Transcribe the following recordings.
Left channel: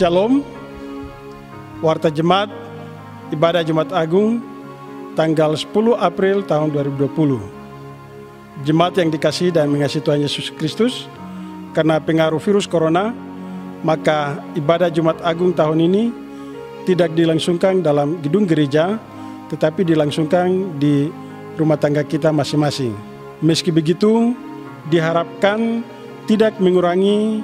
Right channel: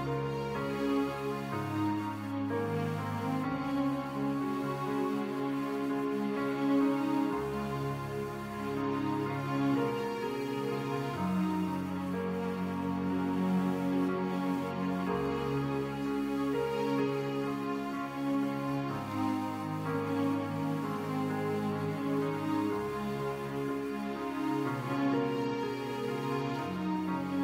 Shalom, Warta Jemaat, Ibadah Jumat Agung, tanggal 10 April tahun 2020. Jemaat yang dikasihi dan mengasihi Tuhan Yesus Kristus, karena pengaruh virus corona, maka ibadah Jumat Agung tahun ini tidak dilangsungkan dalam gedung gereja, tetapi dilangsungkan di rumah tangga kita masing-masing. Meski begitu, diharapkan tidak mengurangi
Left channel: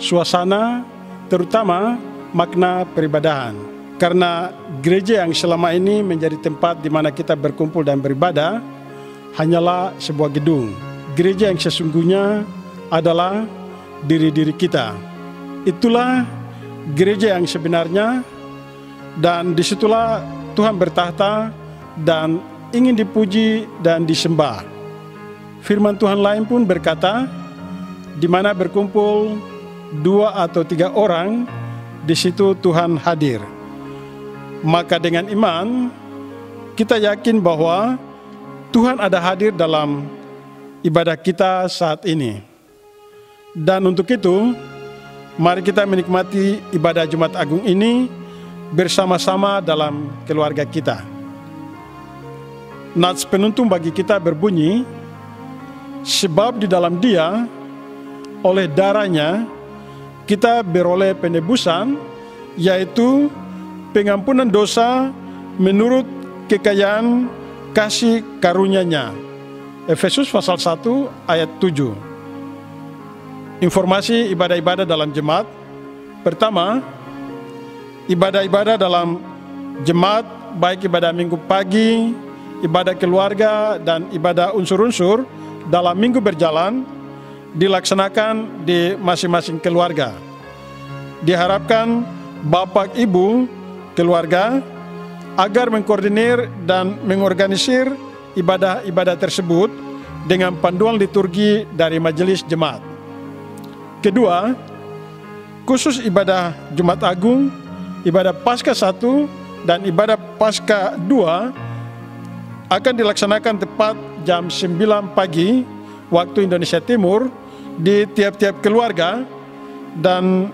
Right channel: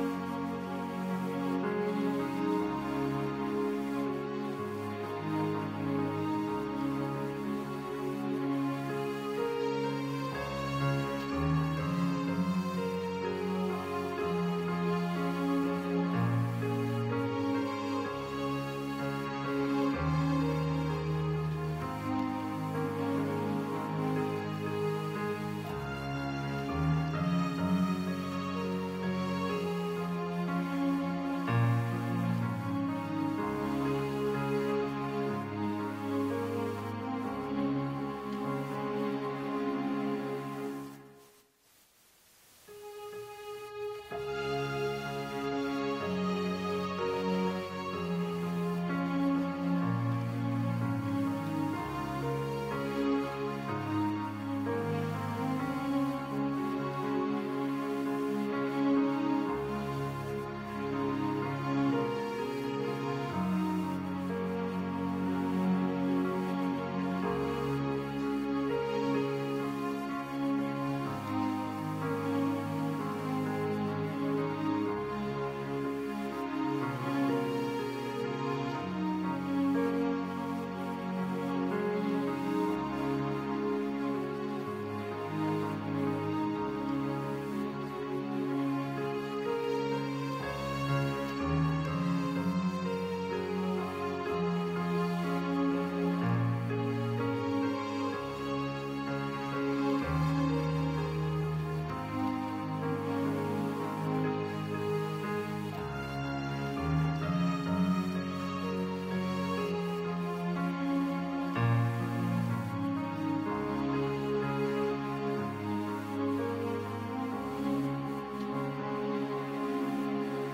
suasana, terutama makna peribadahan. Karena gereja yang selama ini menjadi tempat di mana kita berkumpul dan beribadah hanyalah sebuah gedung. Gereja yang sesungguhnya adalah diri-diri kita. Itulah gereja yang sebenarnya, dan disitulah Tuhan bertahta dan ingin dipuji dan disembah. Firman Tuhan lain pun berkata, di mana berkumpul 2 atau 3 orang, di situ Tuhan hadir. Maka dengan iman, kita yakin bahwa Tuhan ada hadir dalam ibadah kita saat ini. Dan untuk itu, mari kita menikmati ibadah Jumat Agung ini bersama-sama dalam keluarga kita. Nats penuntun bagi kita berbunyi, sebab di dalam Dia, oleh darahnya, kita beroleh penebusan, yaitu pengampunan dosa menurut kekayaan kasih karunia-Nya. Efesus pasal 1 ayat 7. Informasi ibadah-ibadah dalam jemaat. Pertama, ibadah-ibadah dalam jemaat, baik ibadah minggu pagi, ibadah keluarga, dan ibadah unsur-unsur dalam minggu berjalan, dilaksanakan di masing-masing keluarga. Diharapkan Bapak Ibu keluarga agar mengkoordinir dan mengorganisir ibadah-ibadah tersebut dengan panduan liturgi dari majelis jemaat. Kedua, khusus ibadah Jumat Agung, ibadah Paskah 1 dan ibadah Paskah 2 akan dilaksanakan tepat jam 9 pagi waktu Indonesia Timur di tiap-tiap keluarga, dan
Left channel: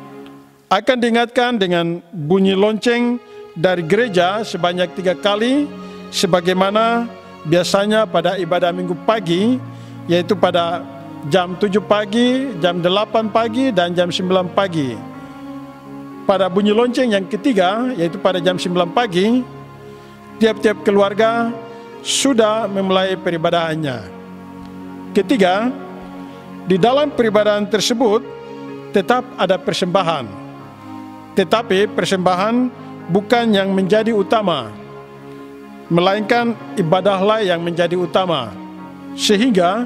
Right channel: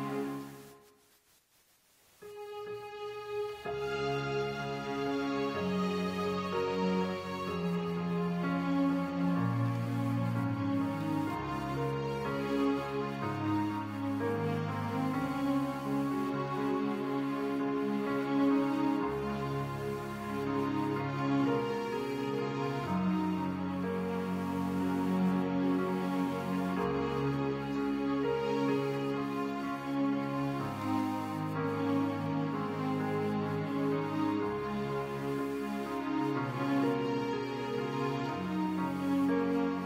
akan diingatkan dengan bunyi lonceng dari gereja sebanyak 3 kali sebagaimana biasanya pada ibadah minggu pagi, yaitu pada jam 7 pagi, jam 8 pagi, dan jam 9 pagi. Pada bunyi lonceng yang ketiga, yaitu pada jam 9 pagi, tiap-tiap keluarga sudah memulai peribadahannya. Ketiga, di dalam peribadahan tersebut tetap ada persembahan. Tetapi persembahan bukan yang menjadi utama, melainkan ibadahlah yang menjadi utama. Sehingga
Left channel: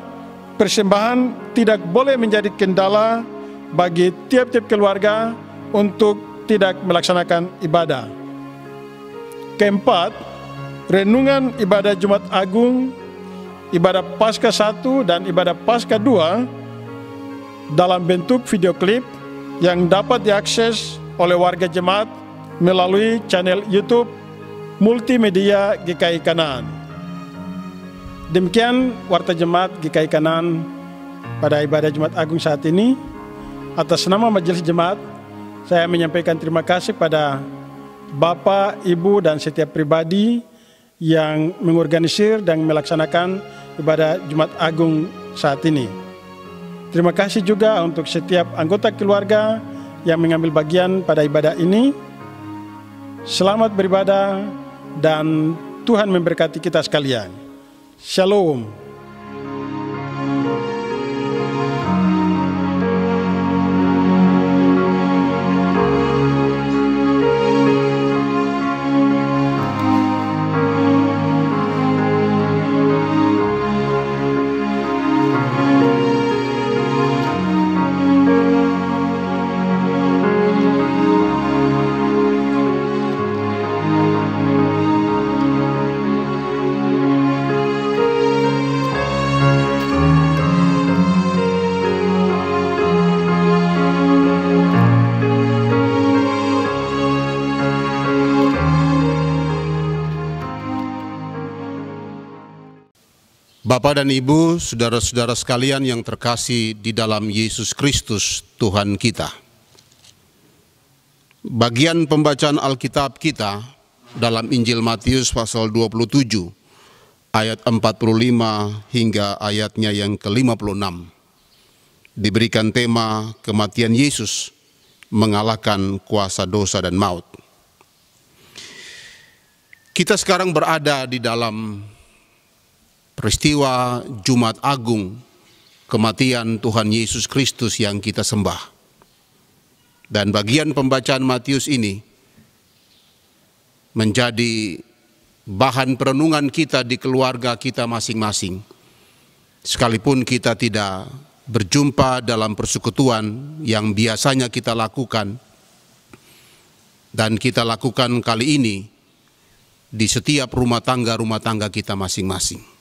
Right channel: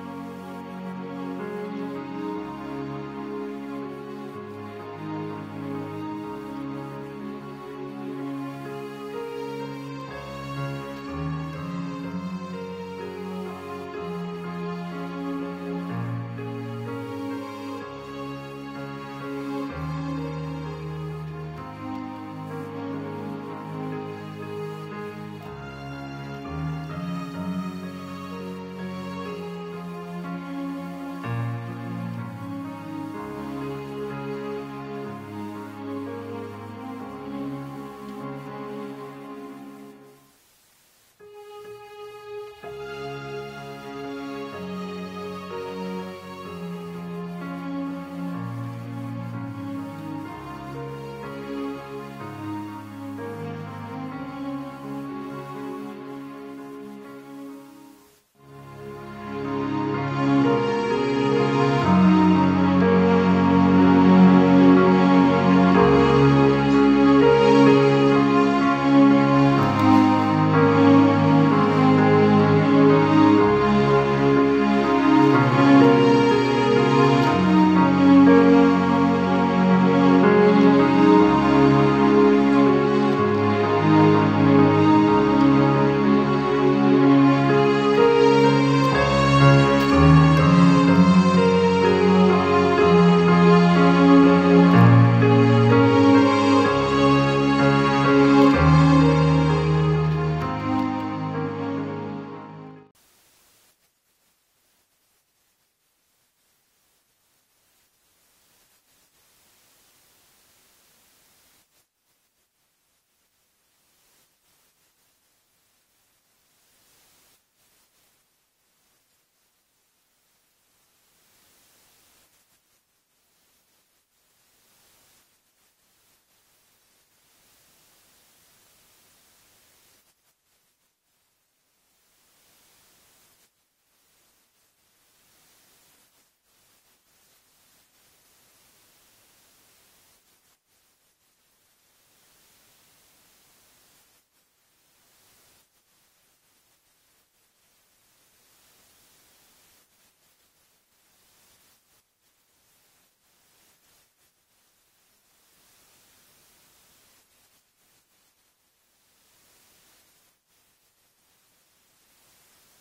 persembahan tidak boleh menjadi kendala bagi tiap-tiap keluarga untuk tidak melaksanakan ibadah. Keempat, renungan ibadah Jumat Agung, ibadah Paskah 1 dan ibadah Paskah 2 dalam bentuk video klip yang dapat diakses oleh warga jemaat melalui channel YouTube Multimedia GKI Kanaan. Demikian Warta Jemaat GKI Kanaan pada ibadah Jumat Agung saat ini. Atas nama Majelis Jemaat, saya menyampaikan terima kasih pada Bapak, Ibu, dan setiap pribadi yang mengorganisir dan melaksanakan ibadah Jumat Agung saat ini. Terima kasih juga untuk setiap anggota keluarga yang mengambil bagian pada ibadah ini. Selamat beribadah dan Tuhan memberkati kita sekalian. Shalom. Bapak dan Ibu, saudara-saudara sekalian yang terkasih di dalam Yesus Kristus Tuhan kita. Bagian pembacaan Alkitab kita dalam Injil Matius pasal 27 ayat 45 hingga ayatnya yang ke-56 diberikan tema kematian Yesus mengalahkan kuasa dosa dan maut. Kita sekarang berada di dalam peristiwa Jumat Agung, kematian Tuhan Yesus Kristus yang kita sembah. Dan bagian pembacaan Matius ini menjadi bahan perenungan kita di keluarga kita masing-masing. Sekalipun kita tidak berjumpa dalam persekutuan yang biasanya kita lakukan, dan kita lakukan kali ini di setiap rumah tangga kita masing-masing.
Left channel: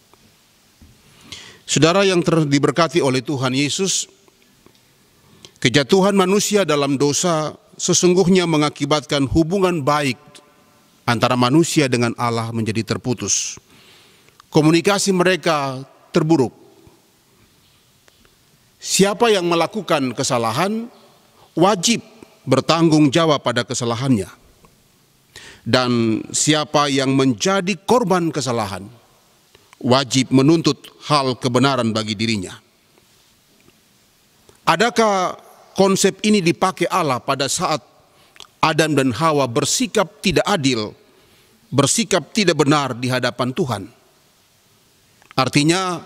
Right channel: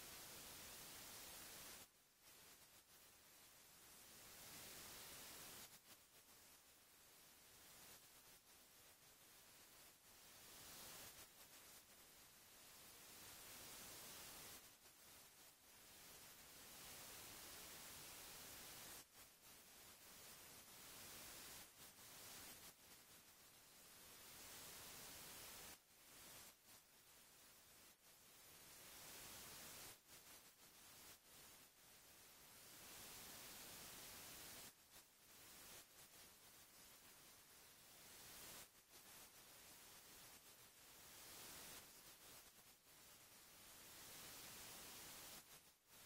Saudara yang diberkati oleh Tuhan Yesus, kejatuhan manusia dalam dosa sesungguhnya mengakibatkan hubungan baik antara manusia dengan Allah menjadi terputus. Komunikasi mereka terburuk. Siapa yang melakukan kesalahan wajib bertanggung jawab pada kesalahannya. Dan siapa yang menjadi korban kesalahan wajib menuntut hal kebenaran bagi dirinya. Adakah konsep ini dipakai Allah pada saat Adam dan Hawa bersikap tidak adil, bersikap tidak benar di hadapan Tuhan? Artinya,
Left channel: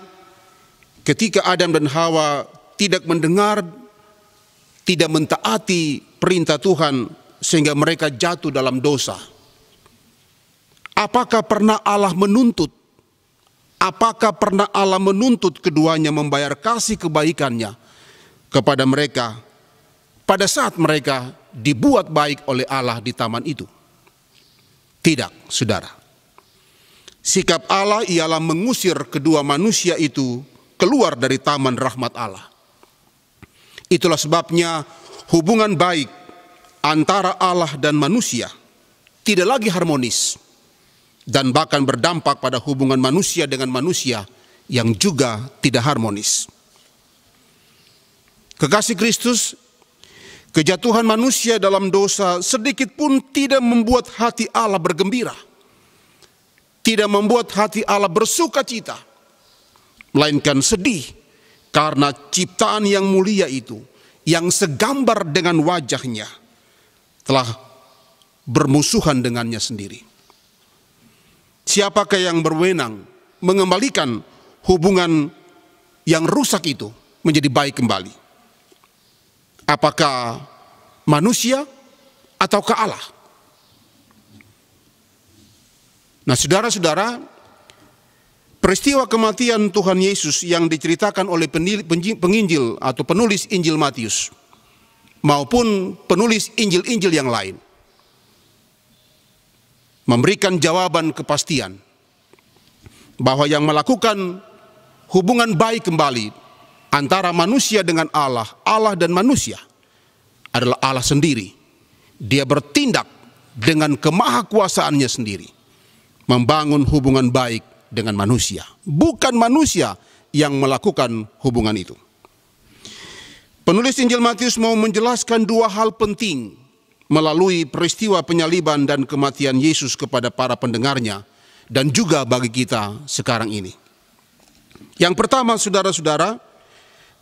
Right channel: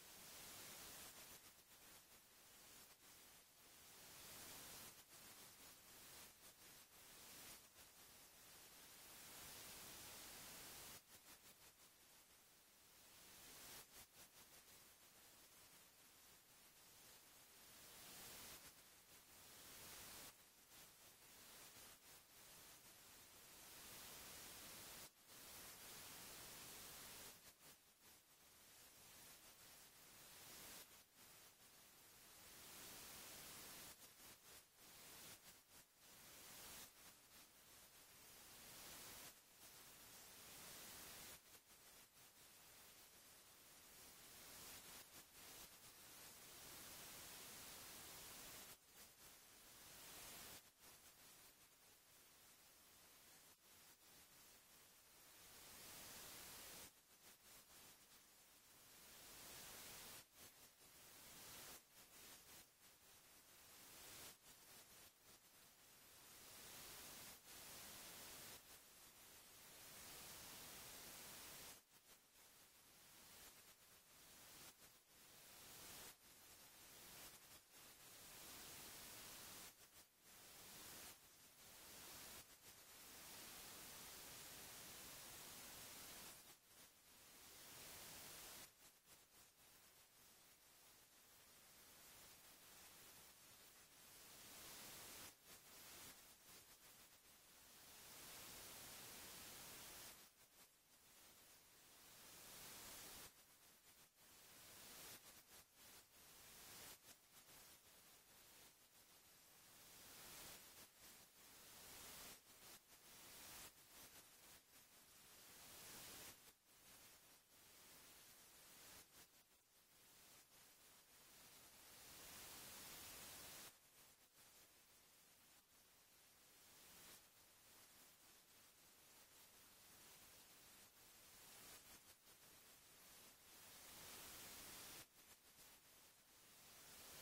ketika Adam dan Hawa tidak mendengar, tidak mentaati perintah Tuhan sehingga mereka jatuh dalam dosa. Apakah pernah Allah menuntut? Apakah pernah Allah menuntut keduanya membayar kasih kebaikannya kepada mereka pada saat mereka dibuat baik oleh Allah di taman itu? Tidak, saudara. Sikap Allah ialah mengusir kedua manusia itu keluar dari taman rahmat Allah. Itulah sebabnya hubungan baik antara Allah dan manusia tidak lagi harmonis dan bahkan berdampak pada hubungan manusia dengan manusia yang juga tidak harmonis. Kekasih Kristus, kejatuhan manusia dalam dosa sedikit pun tidak membuat hati Allah bergembira, tidak membuat hati Allah bersuka cita, melainkan sedih karena ciptaan yang mulia itu, yang segambar dengan wajahnya, telah bermusuhan dengannya sendiri. Siapakah yang berwenang mengembalikan hubungan yang rusak itu menjadi baik kembali? Apakah manusia ataukah Allah? Nah, saudara-saudara, peristiwa kematian Tuhan Yesus yang diceritakan oleh penginjil atau penulis Injil Matius maupun penulis Injil-Injil yang lain memberikan jawaban kepastian bahwa yang melakukan hubungan baik kembali antara manusia dengan Allah, Allah dan manusia adalah Allah sendiri. Dia bertindak dengan kemahakuasaannya sendiri, membangun hubungan baik dengan manusia. Bukan manusia yang melakukan hubungan itu. Penulis Injil Matius mau menjelaskan dua hal penting melalui peristiwa penyaliban dan kematian Yesus kepada para pendengarnya dan juga bagi kita sekarang ini. Yang pertama, saudara-saudara,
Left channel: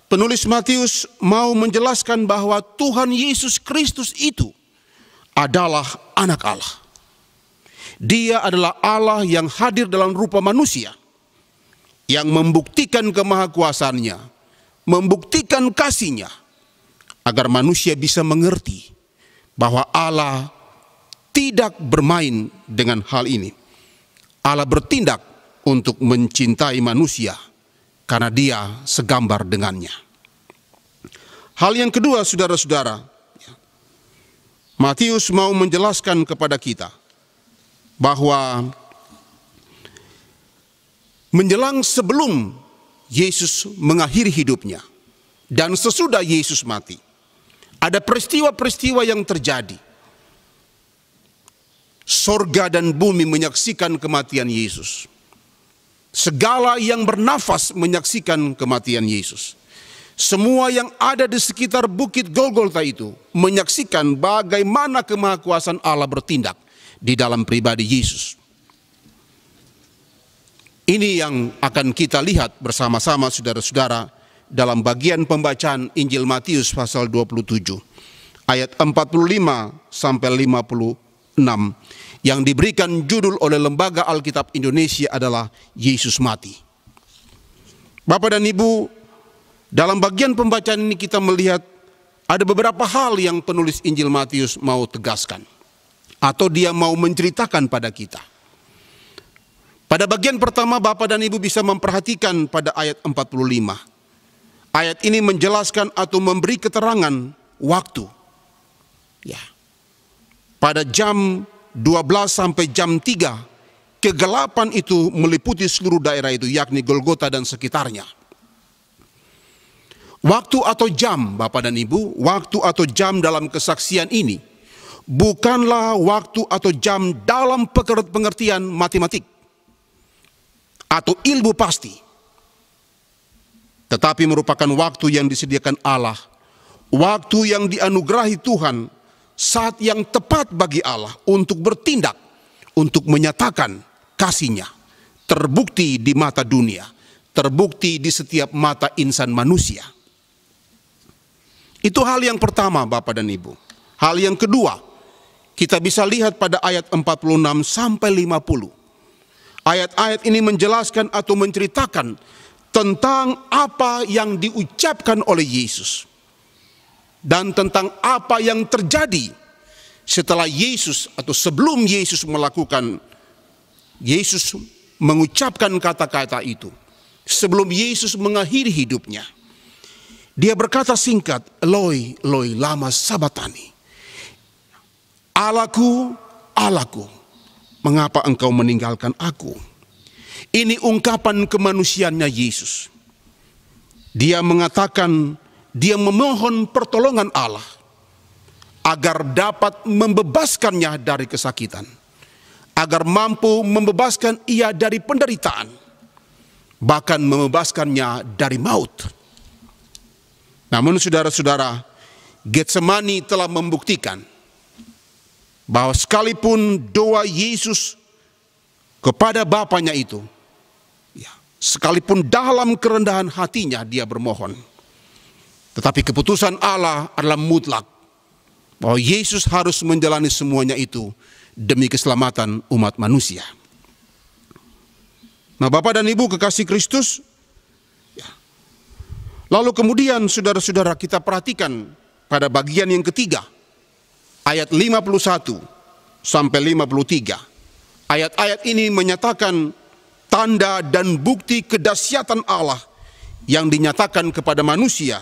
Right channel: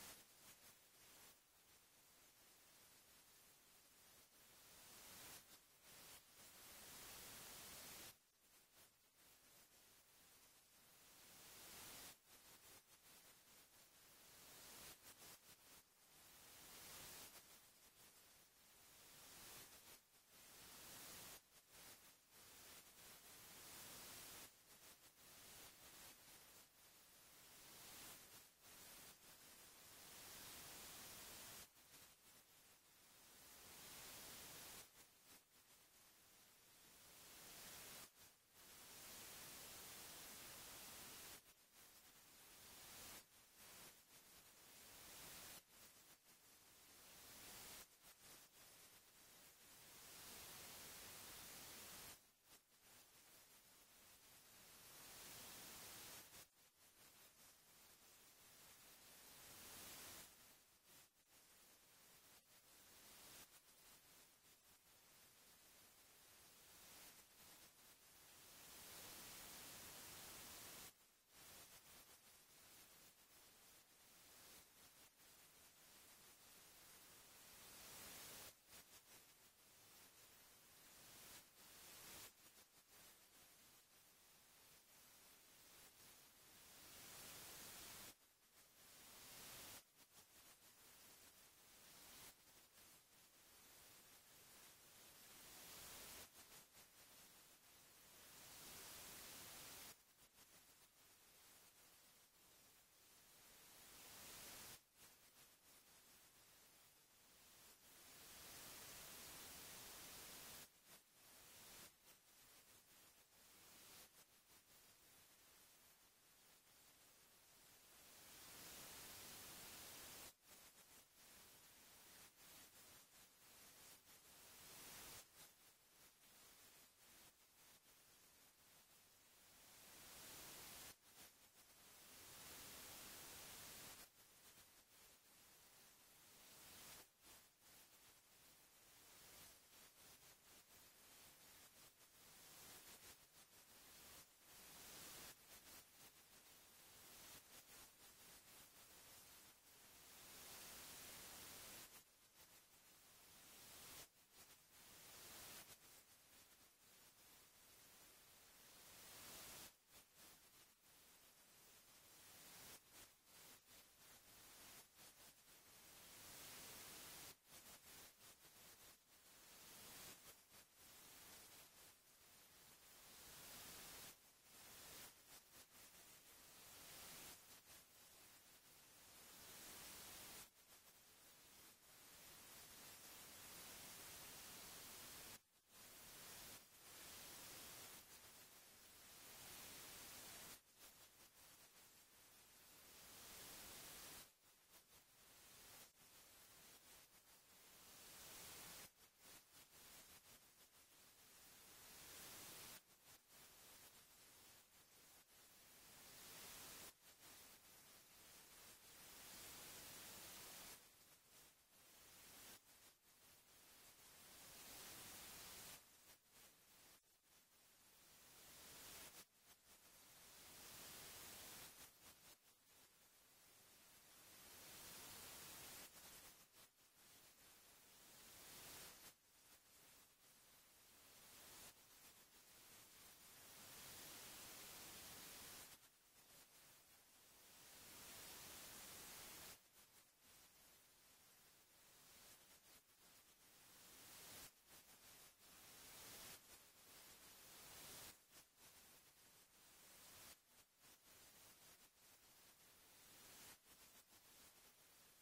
penulis Matius mau menjelaskan bahwa Tuhan Yesus Kristus itu adalah anak Allah. Dia adalah Allah yang hadir dalam rupa manusia, yang membuktikan kemahakuasaannya, membuktikan kasih-Nya, agar manusia bisa mengerti bahwa Allah tidak bermain dengan hal ini. Allah bertindak untuk mencintai manusia karena Dia segambar dengannya. Hal yang kedua, saudara-saudara, Matius mau menjelaskan kepada kita bahwa menjelang sebelum Yesus mengakhiri hidupnya dan sesudah Yesus mati, ada peristiwa-peristiwa yang terjadi. Sorga dan bumi menyaksikan kematian Yesus. Segala yang bernafas menyaksikan kematian Yesus. Semua yang ada di sekitar bukit Golgota itu menyaksikan bagaimana kemahakuasaan Allah bertindak di dalam pribadi Yesus. Ini yang akan kita lihat bersama-sama saudara-saudara dalam bagian pembacaan Injil Matius pasal 27 ayat 45 sampai 56 yang diberikan judul oleh Lembaga Alkitab Indonesia adalah Yesus Mati. Bapak dan Ibu, dalam bagian pembacaan ini kita melihat ada beberapa hal yang penulis Injil Matius mau tegaskan atau dia mau menceritakan pada kita. Pada bagian pertama Bapak dan Ibu bisa memperhatikan pada ayat 45. Ayat ini menjelaskan atau memberi keterangan waktu. Ya. Pada jam 12 sampai jam 3, kegelapan itu meliputi seluruh daerah itu, yakni Golgota dan sekitarnya. Waktu atau jam, Bapak dan Ibu, waktu atau jam dalam kesaksian ini bukanlah waktu atau jam dalam pengertian matematik atau ilmu pasti, tetapi merupakan waktu yang disediakan Allah, waktu yang dianugerahi Tuhan, saat yang tepat bagi Allah untuk bertindak, untuk menyatakan kasih-Nya, terbukti di mata dunia, terbukti di setiap mata insan manusia. Itu hal yang pertama Bapak dan Ibu. Hal yang kedua, kita bisa lihat pada ayat 46 sampai 50. Ayat-ayat ini menjelaskan atau menceritakan tentang apa yang diucapkan oleh Yesus. Dan tentang apa yang terjadi setelah Yesus atau sebelum Yesus mengucapkan kata-kata itu. Sebelum Yesus mengakhiri hidupnya. Dia berkata singkat, Eloi, Eloi, lama sabatani. Allahku, Allahku, mengapa engkau meninggalkan aku? Ini ungkapan kemanusiaannya Yesus. Dia mengatakan, dia memohon pertolongan Allah agar dapat membebaskannya dari kesakitan, agar mampu membebaskan ia dari penderitaan, bahkan membebaskannya dari maut. Namun saudara-saudara, Getsemani telah membuktikan bahwa sekalipun doa Yesus kepada Bapanya itu, sekalipun dalam kerendahan hatinya dia bermohon, tetapi keputusan Allah adalah mutlak bahwa Yesus harus menjalani semuanya itu demi keselamatan umat manusia. Nah Bapak dan Ibu kekasih Kristus, lalu kemudian saudara-saudara kita perhatikan pada bagian yang ketiga, ayat 51 sampai 53. Ayat-ayat ini menyatakan tanda dan bukti kedahsyatan Allah yang dinyatakan kepada manusia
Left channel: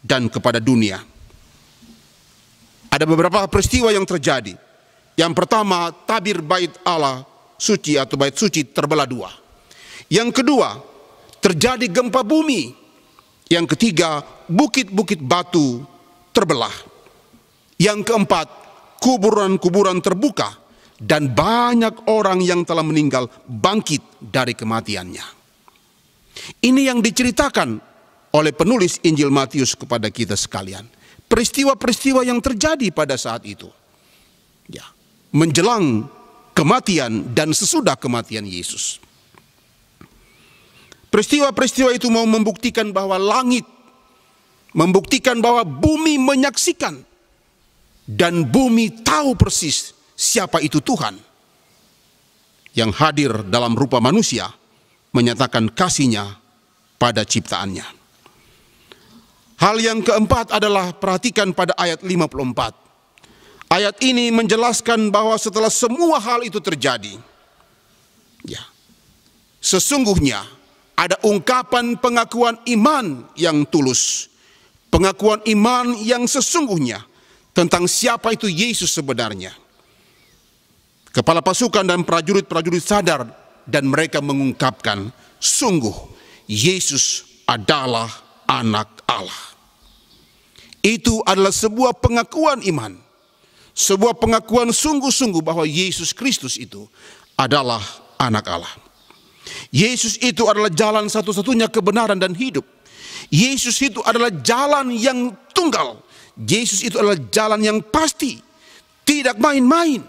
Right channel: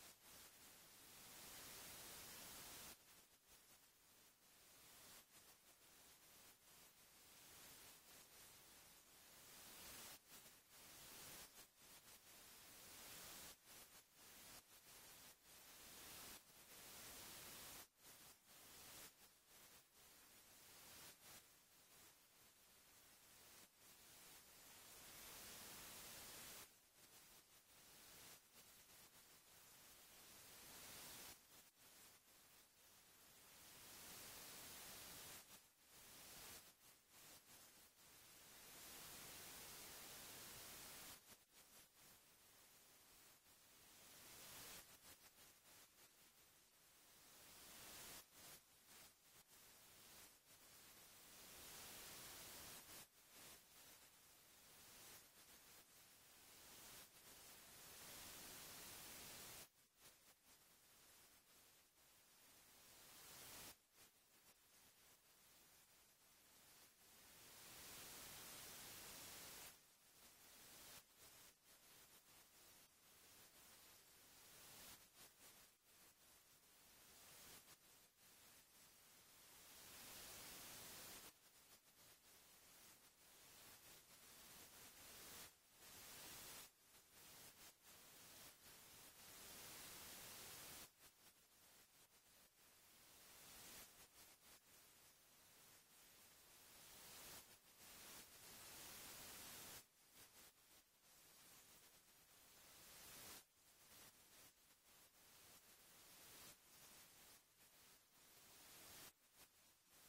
dan kepada dunia. Ada beberapa peristiwa yang terjadi. Yang pertama, tabir bait Allah suci atau bait suci terbelah dua. Yang kedua, terjadi gempa bumi. Yang ketiga, bukit-bukit batu terbelah. Yang keempat, kuburan-kuburan terbuka dan banyak orang yang telah meninggal bangkit dari kematiannya. Ini yang diceritakan oleh penulis Injil Matius kepada kita sekalian. Peristiwa-peristiwa yang terjadi pada saat itu. Ya, menjelang kematian dan sesudah kematian Yesus. Peristiwa-peristiwa itu mau membuktikan bahwa langit, membuktikan bahwa bumi menyaksikan, dan bumi tahu persis siapa itu Tuhan yang hadir dalam rupa manusia, menyatakan kasih-Nya pada ciptaannya. Hal yang keempat adalah perhatikan pada ayat 54. Ayat ini menjelaskan bahwa setelah semua hal itu terjadi, ya, sesungguhnya ada ungkapan pengakuan iman yang tulus, pengakuan iman yang sesungguhnya tentang siapa itu Yesus sebenarnya. Kepala pasukan dan prajurit-prajurit sadar dan mereka mengungkapkan, sungguh Yesus adalah anak Allah. Itu adalah sebuah pengakuan iman, sebuah pengakuan sungguh-sungguh bahwa Yesus Kristus itu adalah anak Allah. Yesus itu adalah jalan satu-satunya kebenaran dan hidup. Yesus itu adalah jalan yang tunggal. Yesus itu adalah jalan yang pasti, tidak main-main.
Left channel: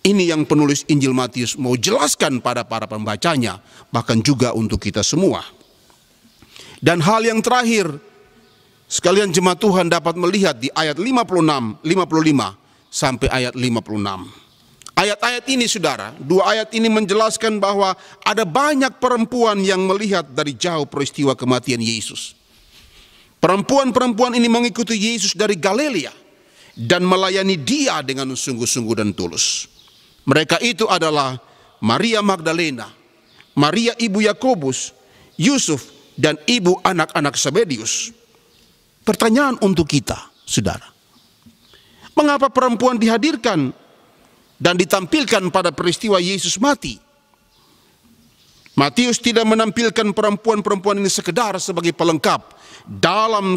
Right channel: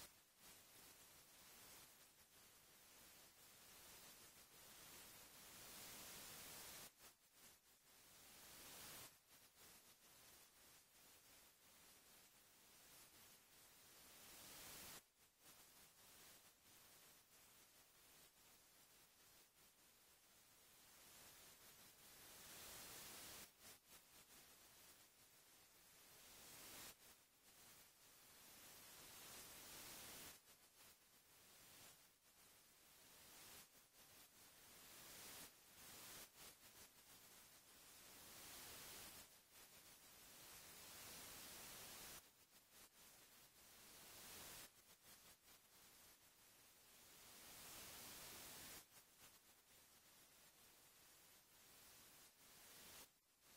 Ini yang penulis Injil Matius mau jelaskan pada para pembacanya, bahkan juga untuk kita semua. Dan hal yang terakhir, sekalian jemaat Tuhan dapat melihat di ayat 55 sampai ayat 56. Ayat-ayat ini saudara, dua ayat ini menjelaskan bahwa ada banyak perempuan yang melihat dari jauh peristiwa kematian Yesus. Perempuan-perempuan ini mengikuti Yesus dari Galilea dan melayani Dia dengan sungguh-sungguh dan tulus. Mereka itu adalah Maria Magdalena, Maria ibu Yakobus, Yusuf, dan ibu anak-anak Zebedius. Pertanyaan untuk kita, saudara. Mengapa perempuan dihadirkan dan ditampilkan pada peristiwa Yesus mati? Matius tidak menampilkan perempuan-perempuan ini sekedar sebagai pelengkap dalam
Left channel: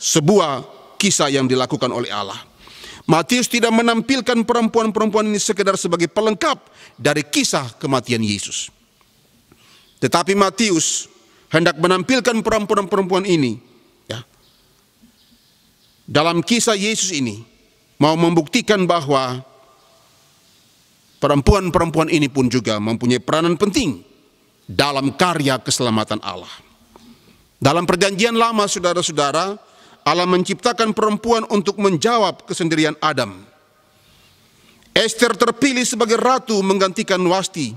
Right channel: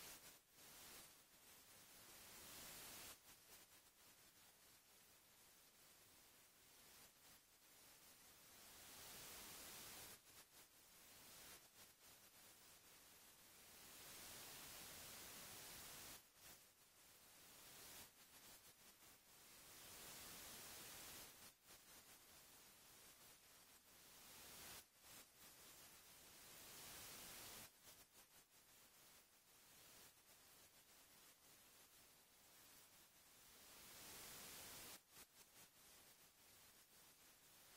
sebuah kisah yang dilakukan oleh Allah. Matius tidak menampilkan perempuan-perempuan ini sekedar sebagai pelengkap dari kisah kematian Yesus. Tetapi Matius hendak menampilkan perempuan-perempuan ini, ya, dalam kisah Yesus ini, mau membuktikan bahwa perempuan-perempuan ini pun juga mempunyai peranan penting dalam karya keselamatan Allah. Dalam perjanjian lama, saudara-saudara, Allah menciptakan perempuan untuk menjawab kesendirian Adam. Ester terpilih sebagai ratu menggantikan Wasti,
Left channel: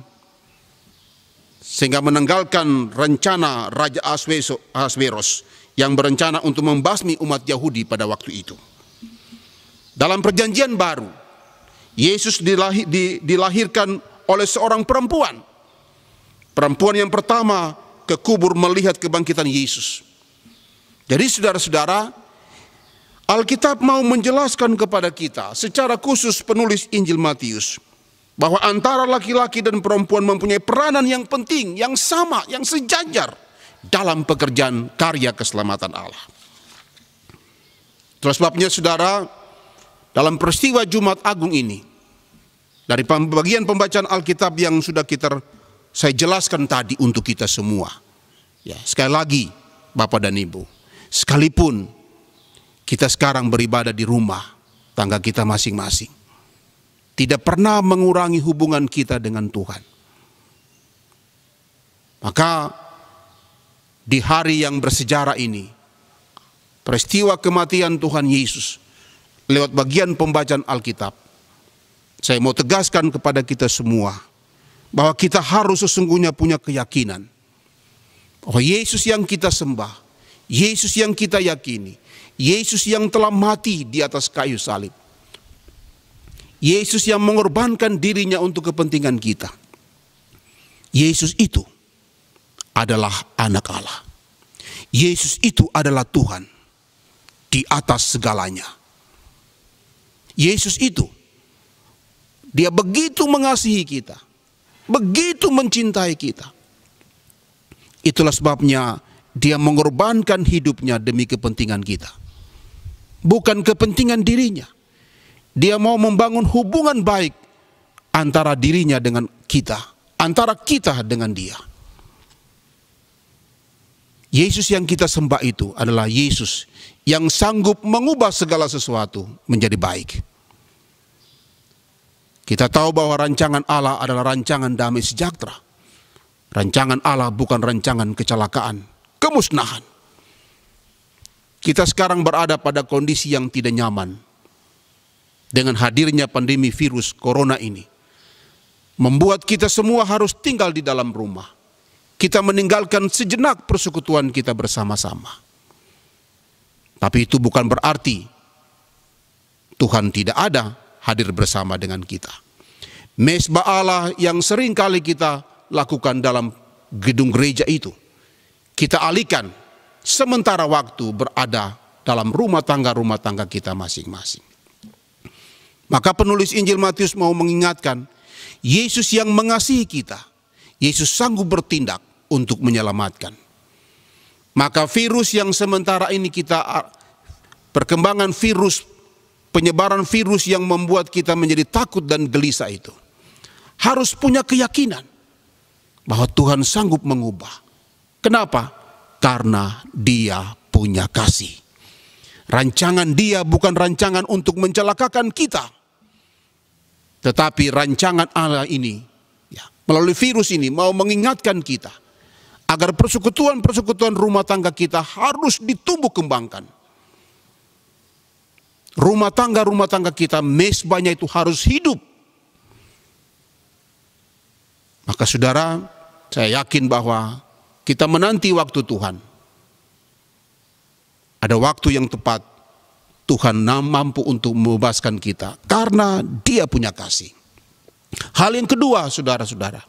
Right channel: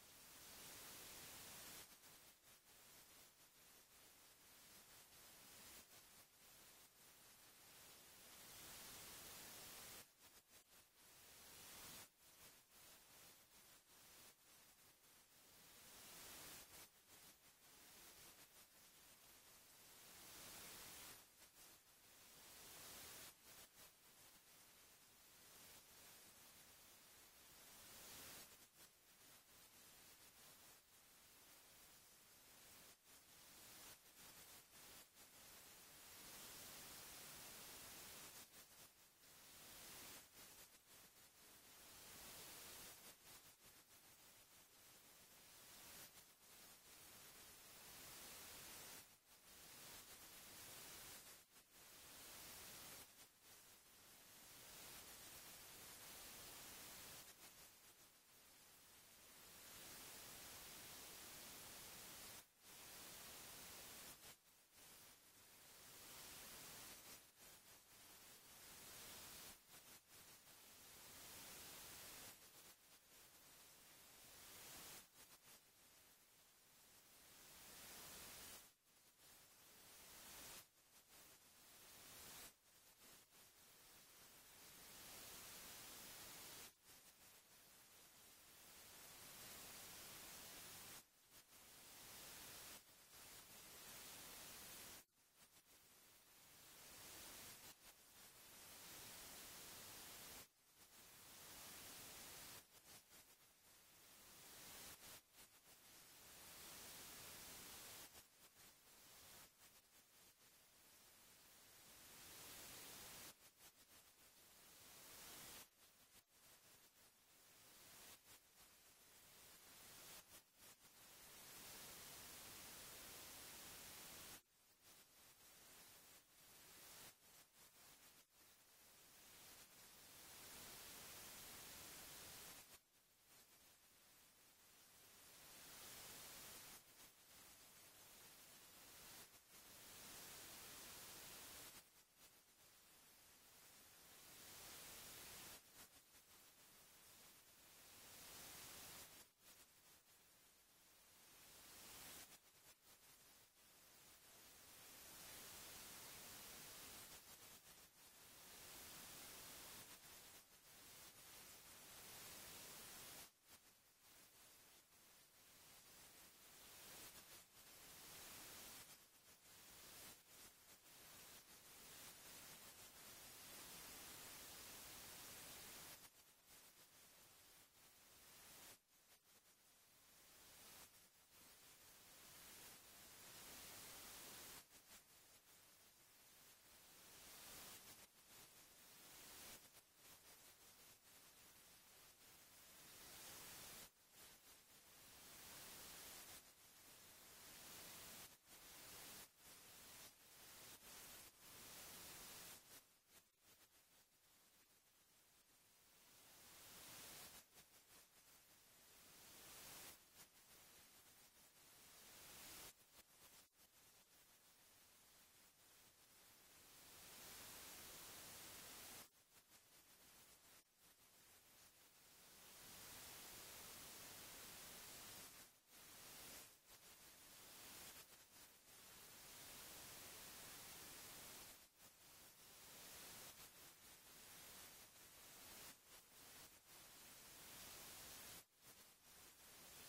sehingga menanggalkan rencana Raja Ahasveros yang berencana untuk membasmi umat Yahudi pada waktu itu. Dalam perjanjian baru, Yesus dilahirkan oleh seorang perempuan. Perempuan yang pertama ke kubur melihat kebangkitan Yesus. Jadi saudara-saudara, Alkitab mau menjelaskan kepada kita secara khusus penulis Injil Matius bahwa antara laki-laki dan perempuan mempunyai peranan yang penting, yang sama, yang sejajar dalam pekerjaan karya keselamatan Allah. Terus sebabnya saudara, dalam peristiwa Jumat Agung ini, dari bagian pembacaan Alkitab yang sudah saya jelaskan tadi untuk kita semua. Ya, sekali lagi Bapak dan Ibu, sekalipun kita sekarang beribadah di rumah tangga kita masing-masing, tidak pernah mengurangi hubungan kita dengan Tuhan. Maka di hari yang bersejarah ini, peristiwa kematian Tuhan Yesus, lewat bagian pembacaan Alkitab, saya mau tegaskan kepada kita semua bahwa kita harus sesungguhnya punya keyakinan bahwa Yesus yang kita sembah, Yesus yang kita yakini, Yesus yang telah mati di atas kayu salib, Yesus yang mengorbankan dirinya untuk kepentingan kita, Yesus itu adalah anak Allah. Yesus itu adalah Tuhan di atas segalanya. Yesus itu, Dia begitu mengasihi kita, begitu mencintai kita. Itulah sebabnya Dia mengorbankan hidupnya demi kepentingan kita. Bukan kepentingan dirinya. Dia mau membangun hubungan baik antara dirinya dengan kita, antara kita dengan Dia. Yesus yang kita sembah itu adalah Yesus yang sanggup mengubah segala sesuatu menjadi baik. Kita tahu bahwa rancangan Allah adalah rancangan damai sejahtera. Rancangan Allah bukan rancangan kecelakaan, kemusnahan. Kita sekarang berada pada kondisi yang tidak nyaman. Dengan hadirnya pandemi virus corona ini, membuat kita semua harus tinggal di dalam rumah. Kita meninggalkan sejenak persekutuan kita bersama-sama. Tapi itu bukan berarti Tuhan tidak ada hadir bersama dengan kita. Mezbah Allah yang sering kali kita lakukan dalam gedung gereja itu, kita alihkan sementara waktu berada dalam rumah tangga kita masing-masing. Maka penulis Injil Matius mau mengingatkan, Yesus yang mengasihi kita, Yesus sanggup bertindak untuk menyelamatkan. Maka virus yang sementara ini perkembangan virus, penyebaran virus yang membuat kita menjadi takut dan gelisah itu, harus punya keyakinan bahwa Tuhan sanggup mengubah. Kenapa? Karena Dia punya kasih. Rancangan Dia bukan rancangan untuk mencelakakan kita, tetapi rancangan Allah ini, melalui virus ini, mau mengingatkan kita agar persekutuan-persekutuan rumah tangga kita harus ditumbuh kembangkan. Rumah tangga kita, mesbahnya itu harus hidup. Maka saudara, saya yakin bahwa kita menanti waktu Tuhan. Ada waktu yang tepat, Tuhan mampu untuk membebaskan kita karena Dia punya kasih. Hal yang kedua, saudara-saudara,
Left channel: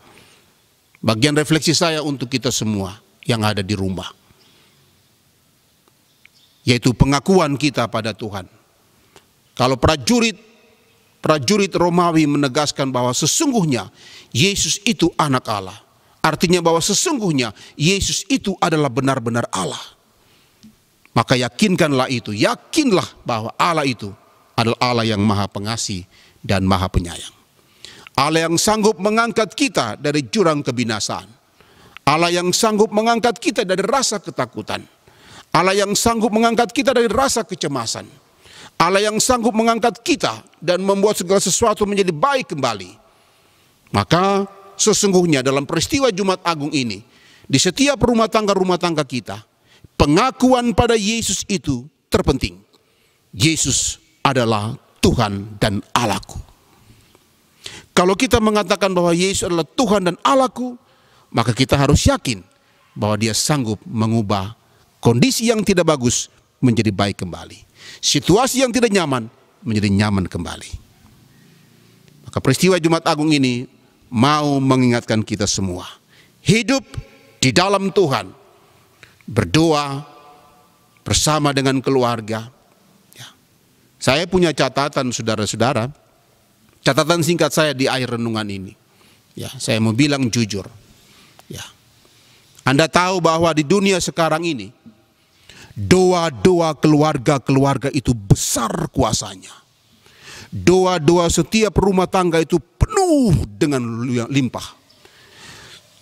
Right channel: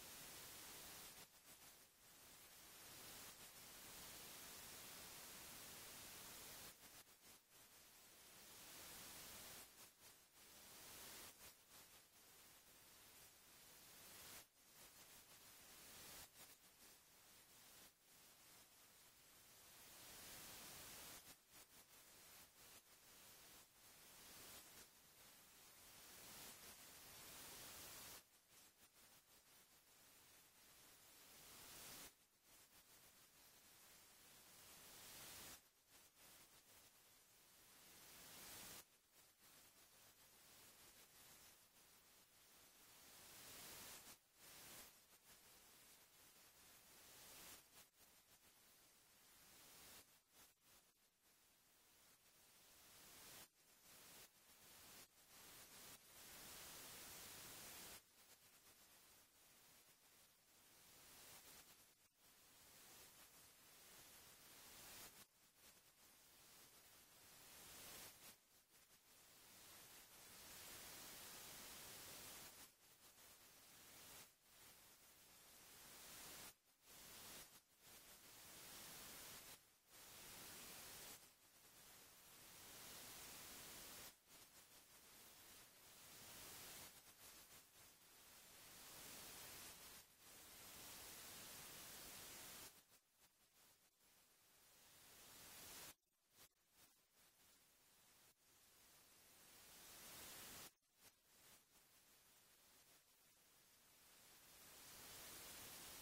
bagian refleksi saya untuk kita semua yang ada di rumah, yaitu pengakuan kita pada Tuhan. Kalau prajurit Romawi menegaskan bahwa sesungguhnya Yesus itu anak Allah, artinya bahwa sesungguhnya Yesus itu adalah benar-benar Allah. Maka yakinkanlah itu, yakinlah bahwa Allah itu adalah Allah yang maha pengasih dan maha penyayang. Allah yang sanggup mengangkat kita dari jurang kebinasaan. Allah yang sanggup mengangkat kita dari rasa ketakutan. Allah yang sanggup mengangkat kita dari rasa kecemasan. Allah yang sanggup mengangkat kita dan membuat segala sesuatu menjadi baik kembali. Maka sesungguhnya dalam peristiwa Jumat Agung ini, di setiap rumah tangga kita, pengakuan pada Yesus itu terpenting. Yesus adalah Tuhan dan Allahku. Kalau kita mengatakan bahwa Yesus adalah Tuhan dan Allahku, maka kita harus yakin bahwa Dia sanggup mengubah kondisi yang tidak bagus menjadi baik kembali. Situasi yang tidak nyaman menjadi nyaman kembali. Maka peristiwa Jumat Agung ini mau mengingatkan kita semua. Hidup di dalam Tuhan. Berdoa bersama dengan keluarga. Saya punya catatan, saudara-saudara. Catatan singkat saya di akhir renungan ini. Saya mau bilang jujur. Anda tahu bahwa di dunia sekarang ini, doa-doa keluarga-keluarga itu besar kuasanya. Doa-doa setiap rumah tangga itu penuh dengan limpah.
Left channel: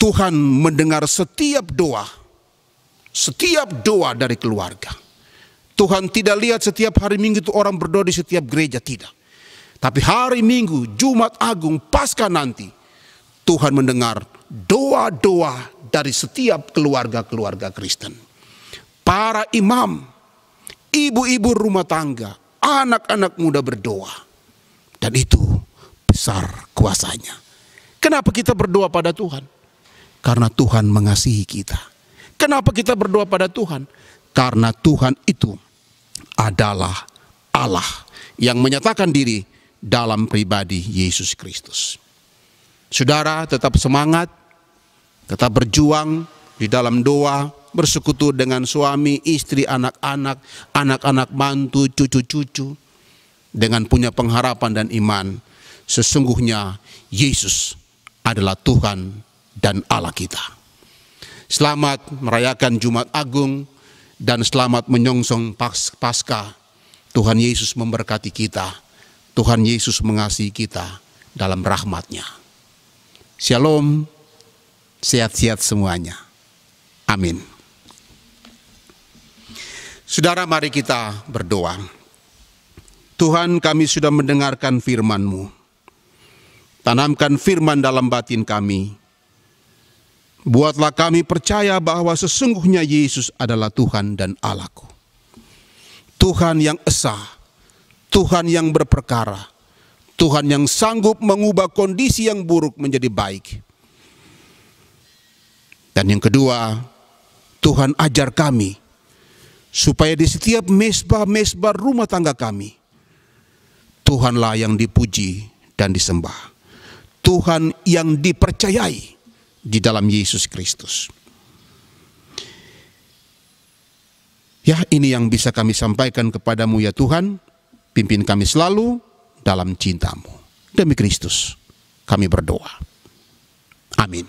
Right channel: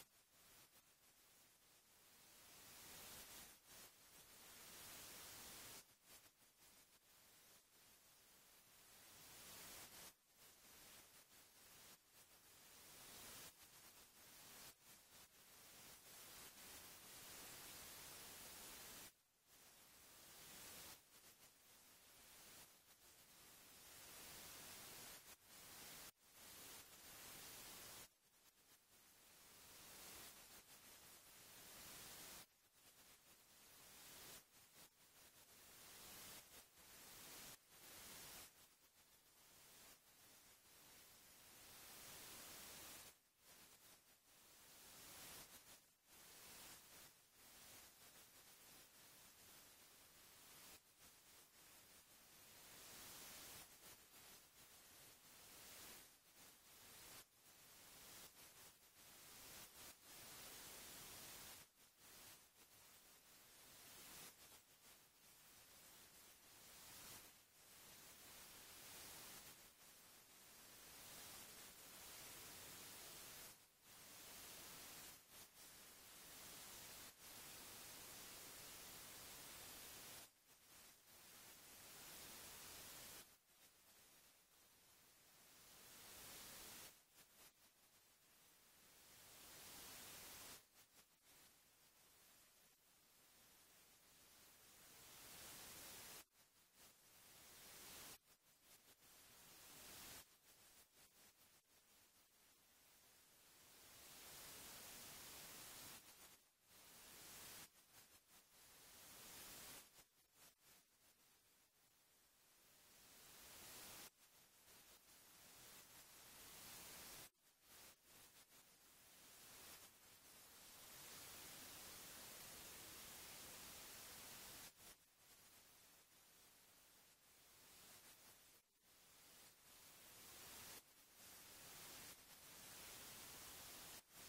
Tuhan mendengar setiap doa dari keluarga. Tuhan tidak lihat setiap hari Minggu itu orang berdoa di setiap gereja, tidak. Tapi hari Minggu, Jumat Agung, Paskah nanti, Tuhan mendengar doa-doa dari setiap keluarga-keluarga Kristen. Para imam, ibu-ibu rumah tangga, anak-anak muda berdoa. Dan itu besar kuasanya. Kenapa kita berdoa pada Tuhan? Karena Tuhan mengasihi kita. Kenapa kita berdoa pada Tuhan? Karena Tuhan itu adalah Allah yang menyatakan diri dalam pribadi Yesus Kristus. Saudara, tetap semangat, tetap berjuang di dalam doa, bersekutu dengan suami, istri, anak-anak, anak-anak mantu, cucu-cucu, dengan punya pengharapan dan iman. Sesungguhnya Yesus adalah Tuhan dan Allah kita. Selamat merayakan Jumat Agung dan selamat menyongsong Paskah. Tuhan Yesus memberkati kita. Tuhan Yesus mengasihi kita dalam rahmat-Nya. Shalom, sehat-sehat semuanya. Amin. Saudara, mari kita berdoa. Tuhan, kami sudah mendengarkan firman-Mu. Tanamkan firman dalam batin kami. Buatlah kami percaya bahwa sesungguhnya Yesus adalah Tuhan dan Allahku. Tuhan yang esa, Tuhan yang berperkara, Tuhan yang sanggup mengubah kondisi yang buruk menjadi baik. Dan yang kedua, Tuhan ajar kami supaya di setiap mesbah-mesbah rumah tangga kami, Tuhanlah yang dipuji dan disembah. Tuhan yang dipercayai di dalam Yesus Kristus. Ya, ini yang bisa kami sampaikan kepadamu ya Tuhan. Pimpin kami selalu dalam cinta-Mu. Demi Kristus kami berdoa. Amin.